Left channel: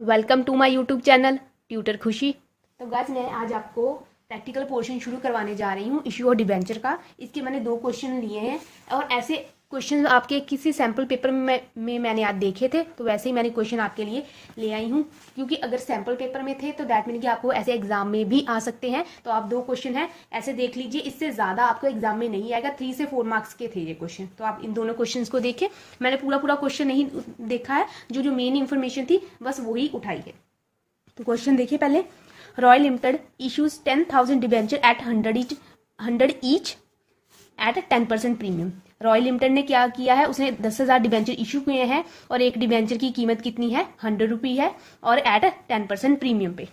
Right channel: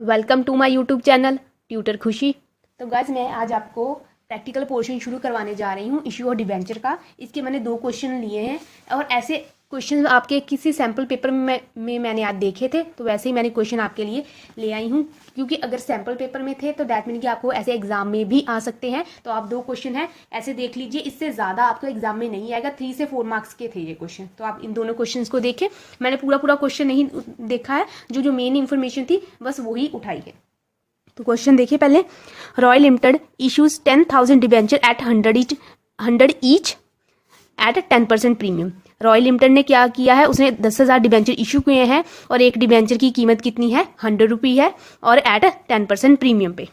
Welcome to my YouTube channel tutor Khushi. तो guys मैं आज आपको प्रैक्टिकल पोर्शन शुरू करवाने जा रही हूँ इश्यू और डिबेंचर का। इसके मैंने 2 क्वेश्चन लिए हैं और ऐसे क्वेश्चन आपके किसी सैम्पल पेपर में मैंने आज देखे थे, तो वैसे ही मैंने क्वेश्चन आपके लिए ले आई हूँ। क्योंकि अगर सैम्पल पेपर में थे तो डैट मीन कि आपको ऐसे एग्जाम में भी आ सकते हैं। तो आप 2 क्वेश्चन हैं ऐसे देख लीजिए, इससे ज़्यादा आपको एग्जाम में नहीं आएगा। 3 से 4 मार्क्स के थे ये क्वेश्चन, तो आप इन दोनों क्वेश्चन को देखें। मैंने पूरा क्वेश्चन नहीं देखा है, जो मेन इन्फॉर्मेशन थी बस वही उठाई है। तो क्वेश्चन देखिए पहले। Royal limited issues 10,000 debenture at 100 each at 10% premium. Royal limited ने क्या किया है, उसने 10,000 डिबेंचर इशू किए हैं और एक डिबेंचर की कीमत कितनी है, 100 रुपी है और एट 10% प्रीमियम पे।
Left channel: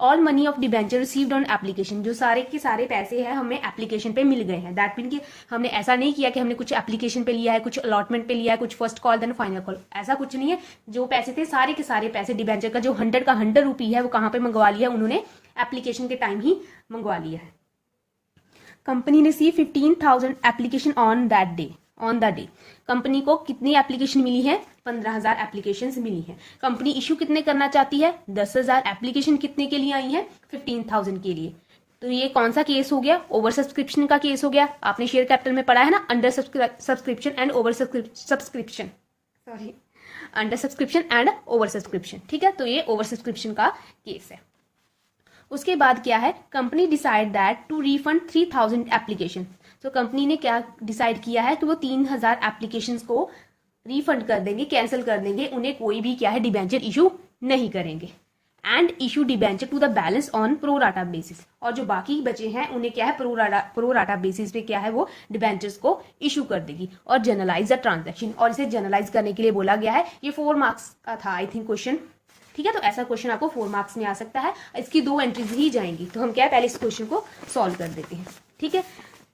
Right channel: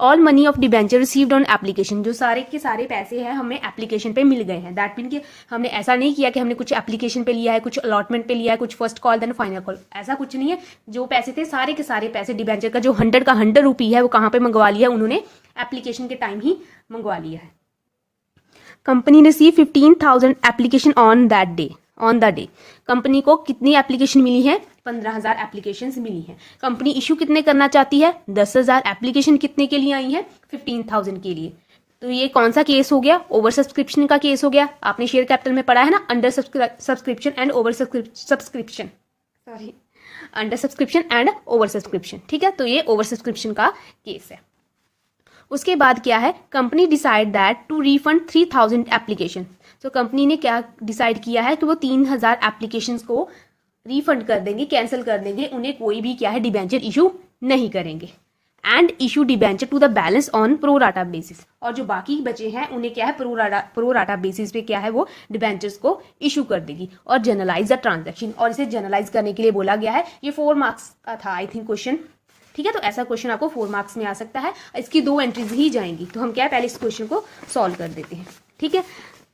All money of debenture received on application, जो सारे के सारे पैसे हैं हमें एप्लीकेशन पे मिल गए हैं। दैट मीन कि हमने ऐसा नहीं किया कि हमने कुछ एप्लीकेशन पे लिया है, कुछ अलॉटमेंट पे लिया है, कुछ first call then final call, ऐसा कुछ नहीं है। जो पैसे थे सारे के सारे पैसे डिबेंचर का जो 100 का 100 रुपी है वो कहाँ पे मंगवा लिया, उन्होंने एप्लीकेशन के टाइम ही मंगवा लिया है। कंपनी ने सी 15,000 application on the day. Company को कितनी एप्लीकेशन मिली है, 15,000 एप्लीकेशन मिली है। कंपनी इशू कितने करना चाहती है, 10,000। एप्लीकेशन कितने के लिए आई है, 15,000 के लिए। तो ये कौन सा केस हो गया, ओवर सब्सक्रिप्शन का केस हो गया। आपने शेयर कैपिटल में पढ़ा है ना, under subscription and over subscription, sorry, under subscription and over subscription. ठीक है, तो ये ओवर सब्सक्रिप्शन का केस है। उसके बाद क्या है, company decide that to refund 3,000 application. तो कंपनी ने क्या डिसाइड किया है कि वो 3,000 एप्लीकेशंस को रिफंड कर देंगे, कैंसिल कर देंगे, उन्हें कोई भी क्या है डिबेंचर इशू नहीं करेंगे। And issue debenture to the balance on pro rata basis, और जो बाकी बचे हैं उन्हें क्या है प्रोराटा बेसिस पे क्या है वो डिबेंचर्स को इशू कर देगी। और जनरलाइज द ट्रांजेक्शन, और इसे जनरलाइज करने के लिए बोला गया है। ये 4 मार्क्स का था आई थिंक क्वेश्चन। ठीक है, तो ऐसा क्वेश्चन आपको 4 मार्क्स में आ सकता है। इसकी 2 एंट्रीज ही जाएंगी, तो हम क्या है पहले इस क्वेश्चन को सॉल्व कर देते हैं। ठीक है,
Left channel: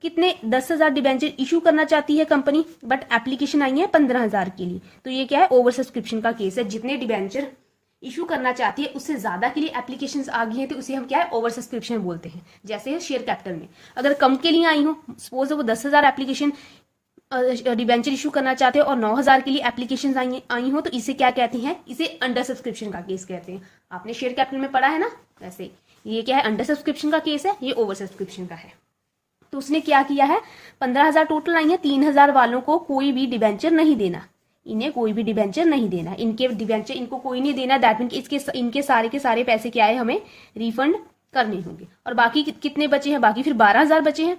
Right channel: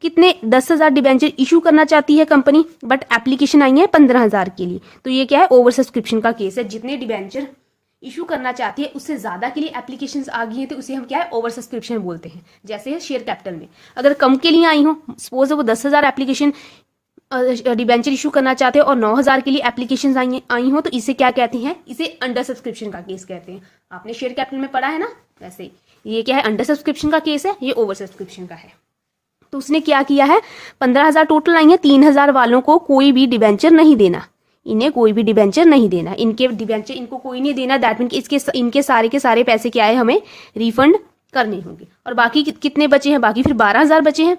कितने 10,000 डिबेंचर इशू करना चाहती है कंपनी, बट एप्लीकेशन आई है 15,000 के लिए। तो ये क्या है, ओवर सब्सक्रिप्शन का केस है। जितने डिबेंचर इशू करना चाहती है उससे ज्यादा के लिए एप्लीकेशंस आ गई हैं, तो उसे हम क्या है ओवर सब्सक्रिप्शन बोलते हैं। जैसे शेयर कैपिटल में अगर कम के लिए आई हो, सपोज वो 10,000 एप्लीकेशन डिबेंचर इशू करना चाहते हैं और 9,000 के लिए एप्लीकेशन आई हो, तो इसे क्या कहते हैं, इसे अंडर सब्सक्रिप्शन का केस कहते हैं। आपने शेयर कैपिटल में पढ़ा है ना, वैसे ये क्या है अंडर सब्सक्रिप्शन का केस है, ये ओवर सब्सक्रिप्शन का है। तो उसने क्या किया है, 15,000 टोटल आई है, 3,000 वालों को कोई भी डिबेंचर नहीं देना, इन्हें कोई भी डिबेंचर नहीं देना, इनके डिबेंचर इनको कोई नहीं देना। दैट मीन इनके सारे के सारे पैसे क्या है हमें रिफंड करने होंगे। और बाकी कितने बचे हैं, बाकी फिर 12,000 बचे हैं।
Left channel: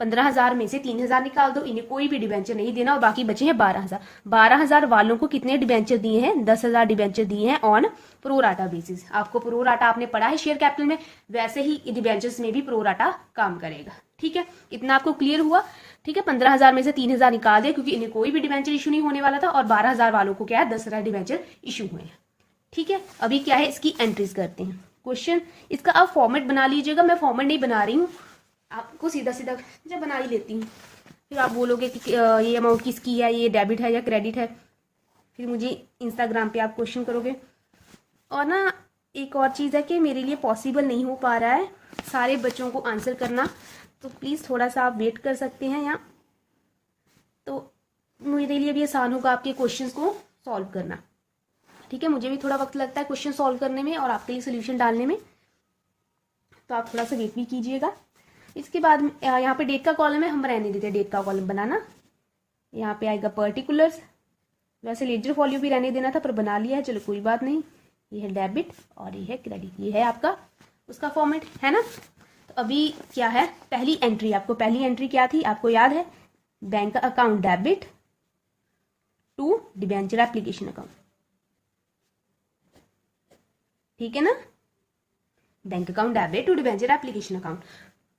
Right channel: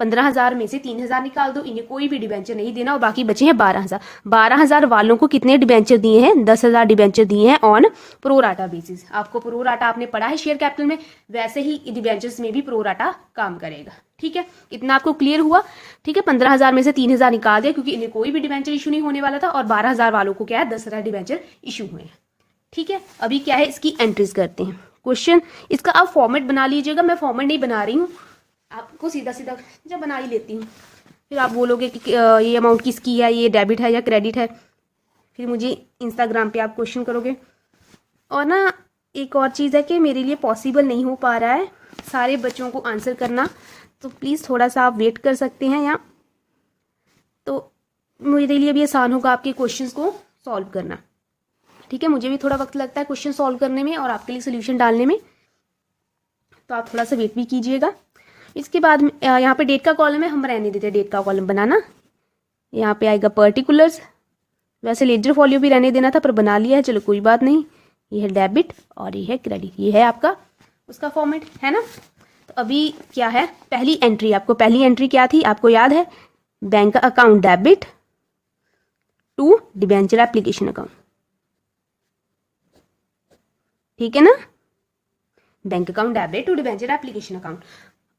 15,000 में से 3,000 निकाल दो, इन्हें कोई भी डिबेंचर नहीं देना और बाकी बचे हैं 12,000। 12,000 वालों को कितने डिबेंचर दिए हैं, 10,000 डिबेंचर दिए हैं ऑन प्रोराटा बेसिस। आपको प्रोराटा आपने पढ़ा है शेयर कैपिटल में, वैसे ही डिबेंचर्स में भी प्रोराटा काम करेगा। ठीक है, इतना आपको क्लियर हुआ। ठीक है, 15,000 में से 3,000 निकाल दिया क्योंकि इन्हें कोई भी डिबेंचर इशू नहीं होने वाला था, और 12,000 वालों को क्या है 10,000 डिबेंचर इशू हुए हैं। ठीक है, अभी क्या है इसकी एंट्रीज करते हैं। क्वेश्चन इसका आप फॉर्मेट बना लीजिएगा, मैं फॉर्मेट नहीं बना रही हूँ, आपको सीधा सीधा जब बना ही लेती हूँ। फिर आप बोलोगे कि ये अमाउंट किसकी है, ये डेबिट है या क्रेडिट है, फिर मुझे इंस्टाग्राम पे आप क्वेश्चन करोगे। और ना एक और चीज़ है कि मेरे लिए पॉसिबल नहीं हो पा रहा है सारे बच्चों को आंसर करना, तो प्लीज़ थोड़ा सा आप वेट कर सकते हैं यहाँ, तो मेरे लिए भी आसान होगा आपके क्वेश्चंस को सॉल्व करना। ठीक है, मुझे भी थोड़ा वक्त लगता है क्वेश्चन सॉल्व करने में और आपके लिए सोल्यूशन डालने में, तो आप थोड़ा सा वेट भी कीजिएगा। इसके बाद यहाँ पे डेट का कॉलम है, हम रहने देते हैं डेट का कॉलम बनाना। यहाँ पे आएगा पर्टिकुलर्स, वैसे लेजर फॉलियो भी रहने देना था पर बना लिया है, चलो कोई बात नहीं। ये है डेबिट और ये है क्रेडिट, ये है आपका उसका फॉर्मेट, है ना। तो अभी क्या है, पहली एंट्री, आपको पहली एंट्री क्या थी आपको याद है, bank account debit to debenture application account. ठीक है ना, bank account debit to debenture application account.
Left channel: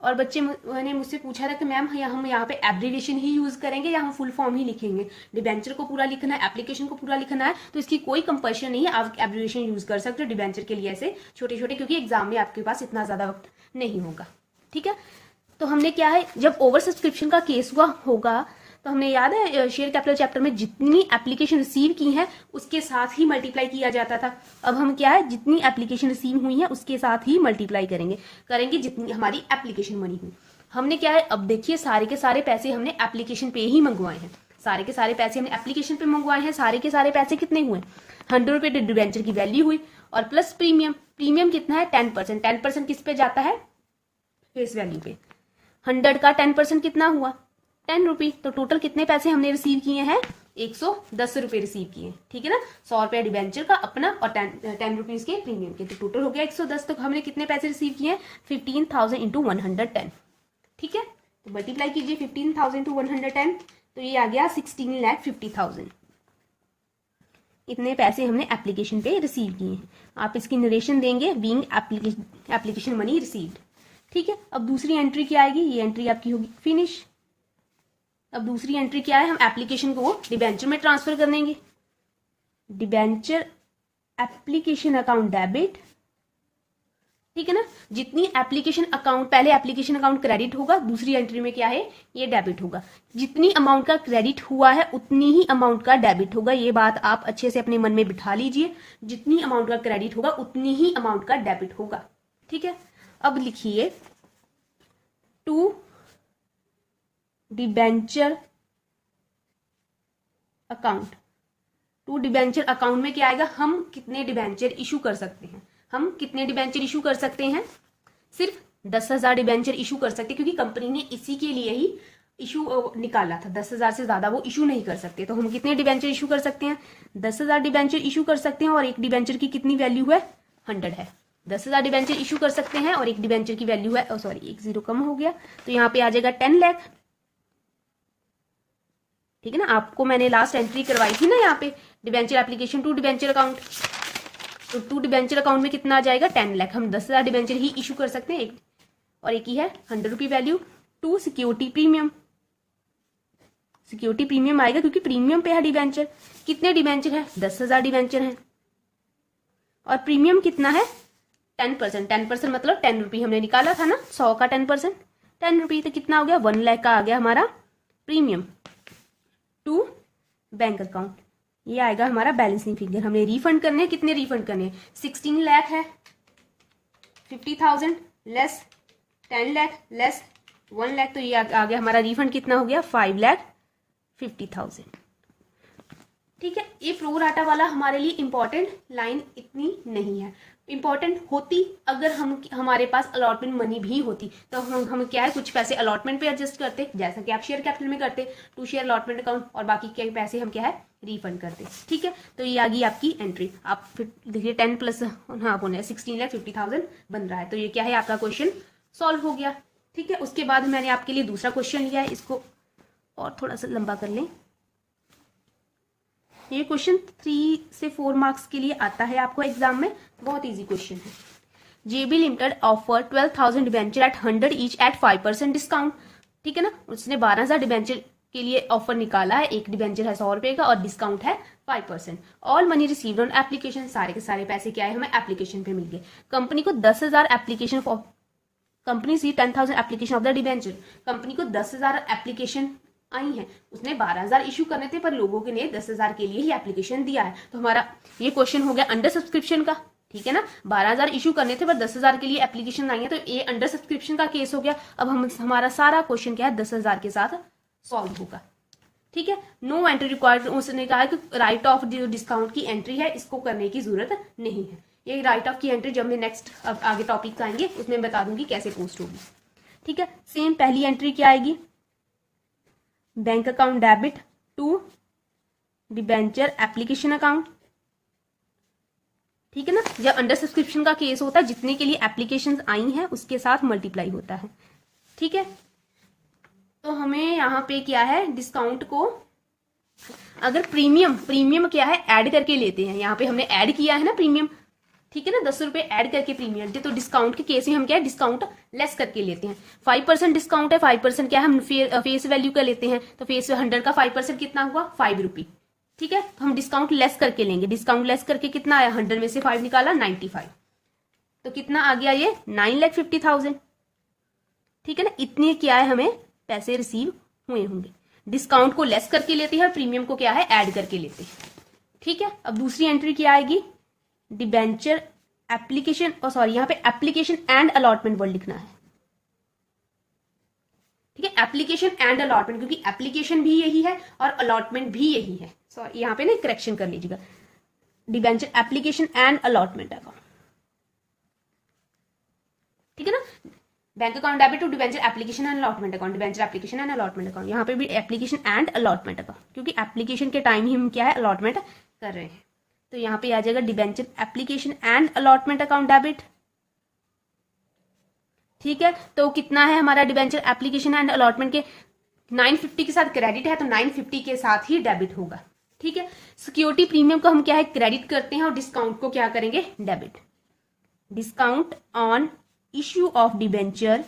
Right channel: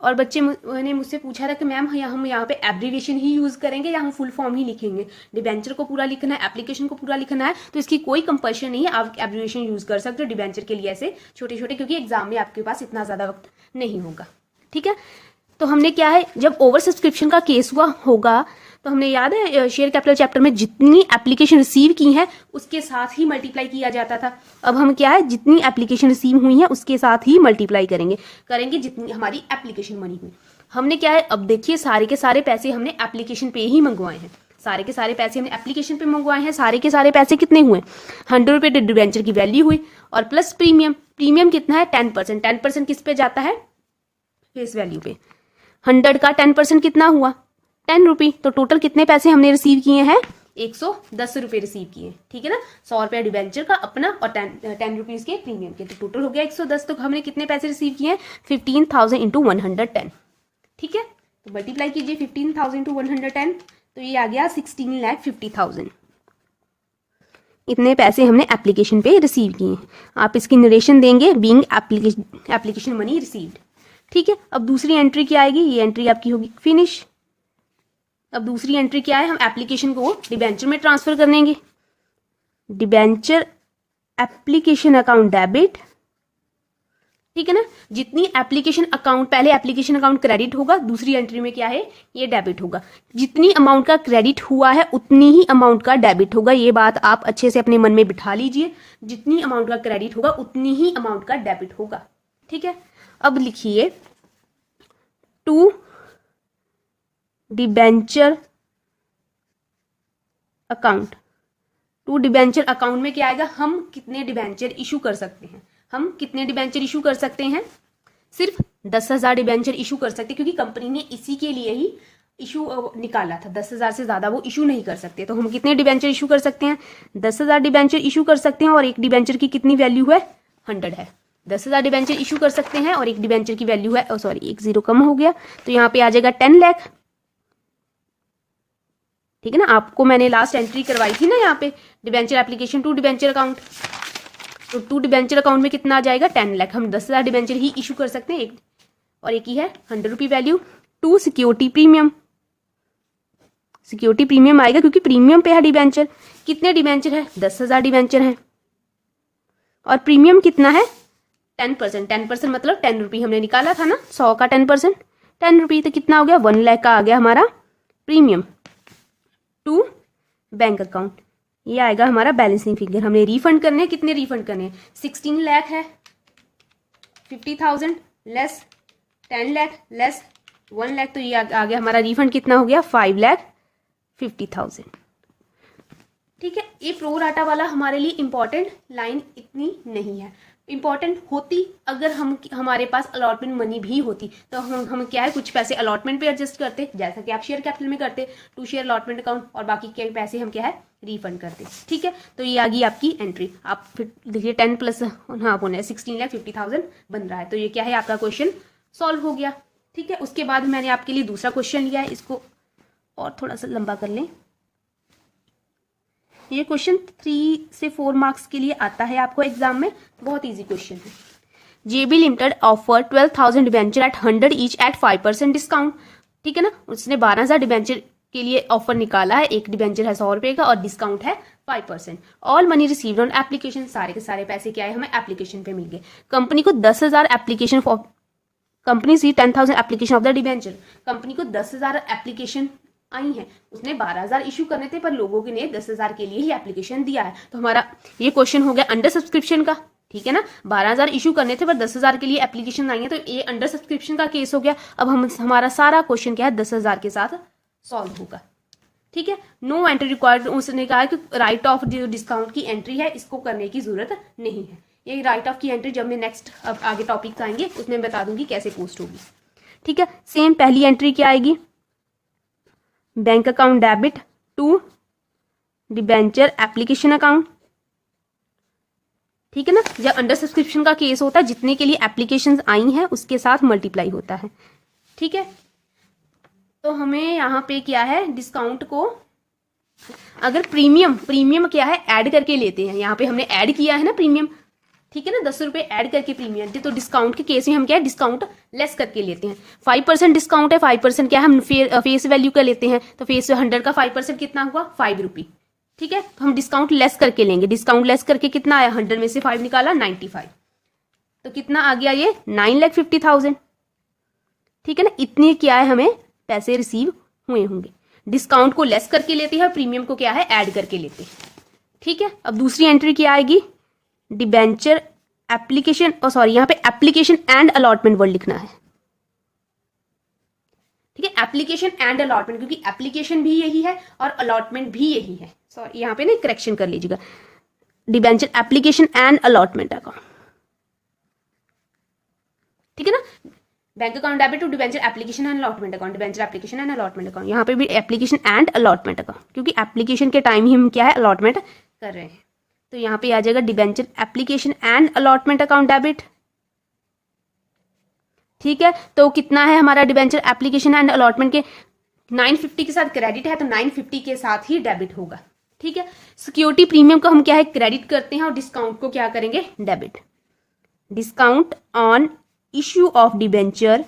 और बच्चे ने मुझसे पूछा था कि मैम हम यहाँ पे एब्रीविएशन ही यूज करेंगे या हम फुल फॉर्म ही लिखेंगे। डिबेंचर को पूरा लिखना है, एप्लीकेशन को पूरा लिखना है, तो इसकी कोई कंपल्शन नहीं है, आप एब्रीविएशन यूज कर सकते हो डिबेंचर के लिए ऐसे छोटे छोटे, क्योंकि एग्जाम में आपके पास इतना ज्यादा वक्त नहीं होगा। ठीक है, तो हमने क्या है, जब ओवर सब्सक्रिप्शन का केस होगा तो हमने याद है शेयर कैपिटल चैप्टर में जितनी एप्लीकेशन रिसीव की है उसके साथ ही मल्टीप्लाई किया जाता था। अब हम क्या है, जितनी एप्लीकेशन रिसीव हुई है उसके साथ ही मल्टीप्लाई करेंगे जितनी हमारी एप्लीकेशन मनी हुई। हमने क्या है, अब देखिए सारे के सारे पैसे हमने एप्लीकेशन पे ही मंगवाए हैं, सारे के सारे पैसे हमने एप्लीकेशन पे मंगवाए हैं। सारे के सारे पैसे कितने हुए, 100 रुपये डिबेंचर की वैल्यू हुई और प्लस प्रीमियम, प्रीमियम कितना है 10%, 10% किस पे जाता है फेस वैल्यू पे, 100 का 10% कितना हुआ 10 रुपये, तो टोटल कितने पैसे हमने रिसीव किए हैं 110 रुपये रिसीव किए, ठीक है ना, 100 रुपया डिवेंचर का अपना और 10 रुपीज के प्रीमियम के, तो टोटल हो गया 110। तो हमने कितने पैसे रिसीव किए 15,000 इंटू 110, ठीक है, तो मल्टीप्लाई कीजिए 15,000 इंटू 110, तो ये आ गया 16,50,000। इतने पैसे हमने एप्लीकेशन पे रिसीव किए। आप इसकी नरेशन देंगे बीइंग एप्लीकेशन मनी रिसीव्ड, ठीक है। अब दूसरी एंट्री क्या आएगी, ये एंट्री आपकी होगी फिनिश। अब दूसरी एंट्री क्या है, हम एप्लीकेशन को डिबेंचर में ट्रांसफर कर देंगे, डिबेंचर एप्लीकेशन अकाउंट डेबिट, ठीक है ना, जितनी एप्लीकेशन अकाउंट, पहले एप्लीकेशन अकाउंट क्रेडिट होगा, दूसरी एंट्री में क्या है ये डेबिट होगा, जितनी अमाउंट का क्रेडिट हुआ है उतनी ही अमाउंट का डेबिट होगा, ये बात आप अच्छे से अपने मन में बिठा लीजिए, जितनी अमाउंट का क्रेडिट होगा उतनी ही अमाउंट का डेबिट होगा, ठीक है। अब लिखिए to debenture account, to debenture account में क्या आएगा, हम कितने डिबेंचर इशू कर सकते हैं, हम कितने डिबेंचर इशू कर सकते हैं, सिर्फ 10,000 डिबेंचर इशू कर सकते हैं, क्योंकि कंपनी ने इसी के लिए ही इशू निकाला था, 10,000 से ज्यादा वो इशू नहीं कर सकते। तो हम कितने डिबेंचर इशू कर सकते हैं 10,000 डिबेंचर इशू कर सकते हैं, और एक डिबेंचर की कितनी वैल्यू है 100 है, 10,000 डिबेंचर इशू कर सकते हैं और एक डिबेंचर की वैल्यू है, सॉरी एक जीरो कम हो गया, तो यहाँ पे आ जाएगा 10 लाख, ठीक है ना। आपको मैंने लास्ट एंट्री करवाई थी ना यहाँ पे debenture application to debenture account, तो टू डिबेंचर अकाउंट में कितना आ जाएगा 10 लाख, हम 10,000 डिबेंचर ही इशू कर सकते हैं, एक और एक ही है 100 rupee value. To security premium, security premium आएगा क्योंकि प्रीमियम पे है डिबेंचर, कितने डिबेंचर है 10,000 डिबेंचर है, और प्रीमियम कितना है 10%, 10% मतलब 10 रुपी हमने निकाला था ना, 100 का 10% 10 रुपी, तो कितना हो गया 1 लाख का आ गया हमारा प्रीमियम। टू बैंक अकाउंट, ये आएगा हमारा बैलेंसिंग फिगर, हमने रिफंड करने हैं, कितने रिफंड करने हैं 16 लाख है, 50,000 लेस 10 लाख लेस 1 लाख, तो ये आ गया हमारा रिफंड कितना हो गया 5,50,000, ठीक है। ये प्रो राटा वाला हमारे लिए इंपॉर्टेंट लाइन इतनी नहीं है, इंपॉर्टेंट होती अगर हमारे पास अलॉटमेंट मनी भी होती, तो हम क्या है कुछ पैसे अलॉटमेंट पे एडजस्ट करते, जैसा कि आप शेयर कैपिटल में करते, टू शेयर अलॉटमेंट अकाउंट, और बाकी के पैसे हम क्या है रिफंड करते, ठीक है। तो ये आ गई आपकी एंट्री, आप फिर देखिए 10 प्लस हाँ बोले 16,50,000 बन रहा है, तो ये क्या है आपका क्वेश्चन सॉल्व हो गया, ठीक है। उसके बाद मैंने आपके लिए दूसरा क्वेश्चन लिया है, इसको और थोड़ा सा लंबा कर लें, ये क्वेश्चन 3 से 4 मार्क्स के लिए आता है आपको एग्जाम में, बहुत इजी क्वेश्चन है। JB limited offer 12,000 debenture at 100 each at 5% discount, ठीक है ना, उसने 12,000 डिबेंचर के लिए ऑफर निकाला है, एक डिबेंचर है 100 रुपए का और डिस्काउंट है 5%, all money received on application, सारे के सारे पैसे क्या है हमें एप्लीकेशन पे मिल गए। कंपनी को 10,000 एप्लीकेशन फॉर कंपनी सी 10,000 application of the debenture, company को 10,000 एप्लीकेशन आई है, उसने 12,000 इशू करने थे पर लोगों के ने 10,000 के लिए ही एप्लीकेशन दिया है, तो हमारा ये क्वेश्चन हो गया अंडर सब्सक्रिप्शन का, ठीक है ना, 12,000 इशू करने थे पर 10,000 के लिए एप्लीकेशन आई है, तो ये अंडर सब्सक्रिप्शन का केस हो गया। अब हमारा सारा क्वेश्चन क्या है 10,000 के साथ सॉल्व होगा, ठीक है। नो एंट्री रिक्वायर्ड, उसने कहा कि राइट ऑफ डिस्काउंट की एंट्री है, इसको करने की जरूरत नहीं है, ये राइट ऑफ की एंट्री जब मैं नेक्स्ट अब आगे टॉपिक आएंगे उसमें बता दूंगी कैसे पोस्ट होगी, ठीक है। सेम पहली एंट्री क्या आएगी, bank account debit to debenture application account, ठीक है ना, जब अंडर सब्सक्रिप्शन का केस होता है जितने के लिए एप्लीकेशंस आई हैं उसके साथ मल्टीप्लाई होता है, ठीक है। तो हमें यहाँ पे क्या है डिस्काउंट को अगर प्रीमियम क्या है ऐड करके लेते हैं, यहाँ पे हमने ऐड किया है ना प्रीमियम, ठीक है ना, 10 रुपए ऐड करके प्रीमियम, तो डिस्काउंट के केस में हम क्या है डिस्काउंट लेस करके लेते हैं। 5% डिस्काउंट है, 5% क्या है हम फेस वैल्यू का लेते हैं, तो फेस 100 का 5% कितना हुआ 5 रुपी, ठीक है। तो हम डिस्काउंट लेस करके लेंगे, डिस्काउंट लेस करके कितना आया 100 में से 5 निकाला 95, तो कितना आ गया ये 9,50,000, ठीक है ना। इतने क्या है हमें पैसे रिसीव हुए होंगे, डिस्काउंट को लेस करके लेते हैं, प्रीमियम को क्या है ऐड करके लेते हैं, ठीक है। अब दूसरी एंट्री क्या आएगी डिबेंचर एप्लीकेशन, सॉरी यहाँ पे एप्लीकेशन एंड अलॉटमेंट वर्ड लिखना है, ठीक है, एप्लीकेशन एंड अलॉटमेंट, क्योंकि एप्लीकेशन भी यही है और अलॉटमेंट भी यही है, सॉरी यहाँ पे ना करेक्शन कर लीजिएगा, debenture application and allotment account, ठीक है ना। Bank account debit to debenture application and allotment account, debenture application and allotment account, यहाँ पे भी एप्लीकेशन एंड अलॉटमेंट अकाउंट, क्योंकि एप्लीकेशन के टाइम ही हम क्या है अलॉटमेंट कर रहे हैं। तो यहाँ पे आ जाएगा debenture application and allotment account debit, ठीक है। तो कितना है हमारा डिबेंचर एप्लीकेशन एंड अलॉटमेंट के 950 के साथ क्रेडिट है, तो 950 के साथ ही डेबिट होगा, ठीक है। सिक्योरिटी प्रीमियम को हम क्या है क्रेडिट करते हैं और डिस्काउंट को क्या करेंगे debit. Discount on issue of debenture,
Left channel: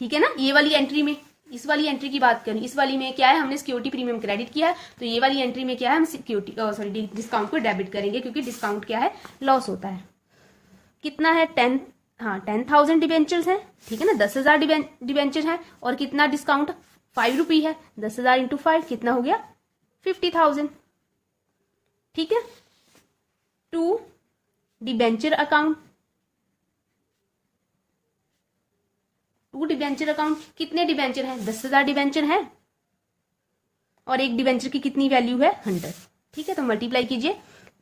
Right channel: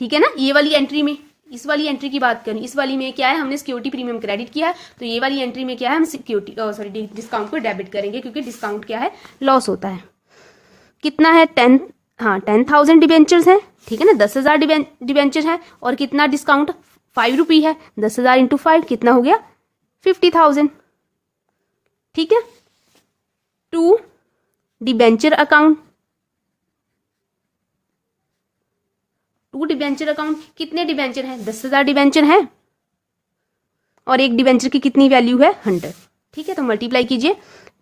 ठीक है ना। ये वाली एंट्री में, इस वाली एंट्री की बात करें, इस वाली में क्या है हमने सिक्योरिटी प्रीमियम क्रेडिट किया है, तो ये वाली एंट्री में क्या है हम सिक्योरिटी डिस्काउंट को डेबिट करेंगे, क्योंकि डिस्काउंट क्या है लॉस होता है। कितना है 10,000 डिबेंचर्स है, ठीक है ना, 10,000 डिबेंचर है, और कितना डिस्काउंट 5 रुपी है, 10,000 इंटू 5 कितना हो गया 50,000, ठीक है। To debenture account, to debenture account कितने डिबेंचर हैं 10,000 डिबेंचर हैं, और एक डिबेंचर की कितनी वैल्यू है 100, ठीक है। तो मल्टीप्लाई कीजिए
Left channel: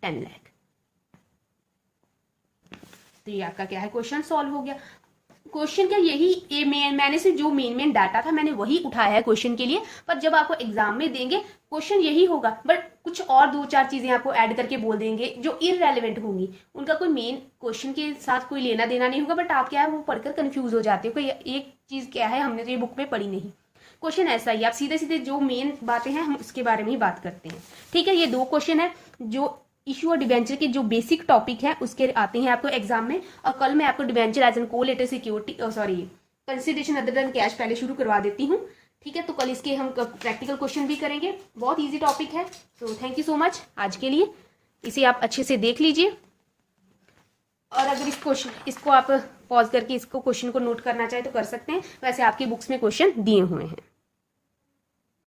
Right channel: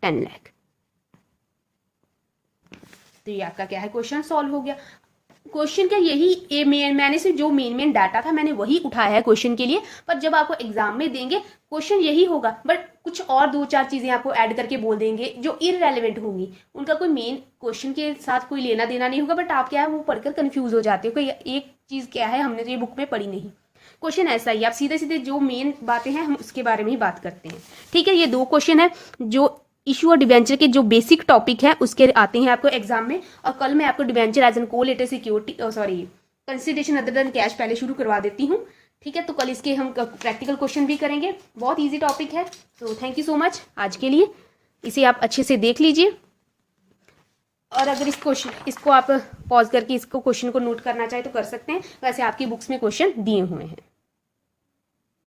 10 लाख, तो ये आपका क्या है क्वेश्चन सॉल्व हो गया। क्वेश्चन क्या यही मैंने से जो मेन डाटा था मैंने वही उठाया है क्वेश्चन के लिए, पर जब आपको एग्जाम में देंगे क्वेश्चन यही होगा, बट कुछ और 2-4 चीजें आपको ऐड करके बोल देंगे जो इररेलेवेंट होंगी, उनका कोई मेन क्वेश्चन के साथ कोई लेना देना नहीं होगा, बट आप क्या है वो पढ़कर कंफ्यूज हो जाते हो कोई एक चीज क्या है हमने तो ये बुक में पढ़ी नहीं। क्वेश्चन ऐसा ही, आप सीधे सीधे जो मेन बातें हैं हम उसके बारे में ही बात करते हैं, ठीक है। ये 2 क्वेश्चन है जो इशू और डिबेंचर के जो बेसिक टॉपिक है उसके आते हैं आपको एग्जाम में, और कल मैं आपको debenture as an collateral security consideration other than cash पहले शुरू करवा देती हूँ, ठीक है। तो कल इसके हम प्रैक्टिकल क्वेश्चन भी करेंगे, बहुत इजी टॉपिक है। तो थैंक यू सो मच आज के लिए, इसे आप अच्छे से देख लीजिए, और अगर इसको आप पॉज करके इसको क्वेश्चन को नोट करना चाहे तो कर सकते हैं, वैसे आपकी बुक्स में क्वेश्चन दिए हुए हैं।